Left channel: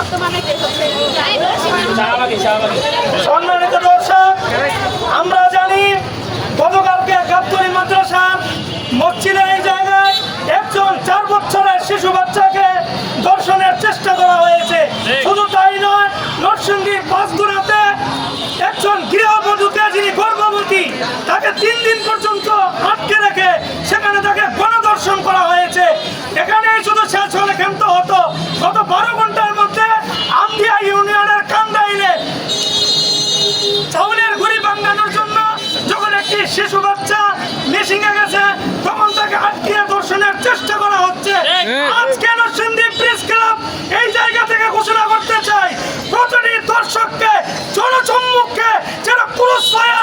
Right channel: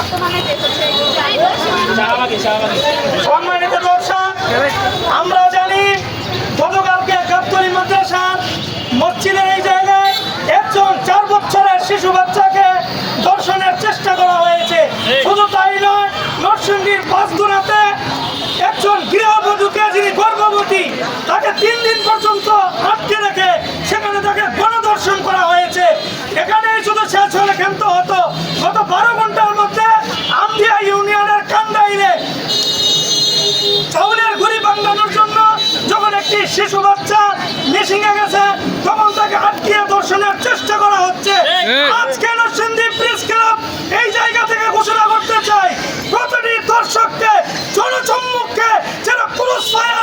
বর্তমানে যে হচ্ছে সম্মানিত দর্শক, আমরা জানি গতকালকে গাবতলী মাদ্রাসার মসজিদের এই জায়গায় একজন 4 বছরের শিশু বাচ্চাকে ধর্ষণের চেষ্টা করা হয়েছে। শুধু তাই নয়, নরসিংদীর পাঁচগুড়াতে একজন গৃহবধূকে যিনি গর্ভবতী তাকে 3 দিন পর্যন্ত আটকে রেখে সেখানে তাকে গণধর্ষণ করা হয়েছে। এখানে শুধু শেষ হলে ক্ষান্ত হতো, গত 12 ঘন্টার মধ্যে আমদিয়া ইউনিয়নের কান্দাইলে চাউলের গুঁড়ি ভাঙানোর জন্য যখন একটি শিশু বাচ্চা মিসিংয়ে গেছে তখন তাকে আটকিয়ে ধর্ষণের চেষ্টা করা হচ্ছে। আজকে নরসিংদী প্রেস ক্লাব এই জায়গা থেকে ঘোষণা করতে চাই, প্রতিটি দর্শককে জনসম্মুখে যেন পুরস্কার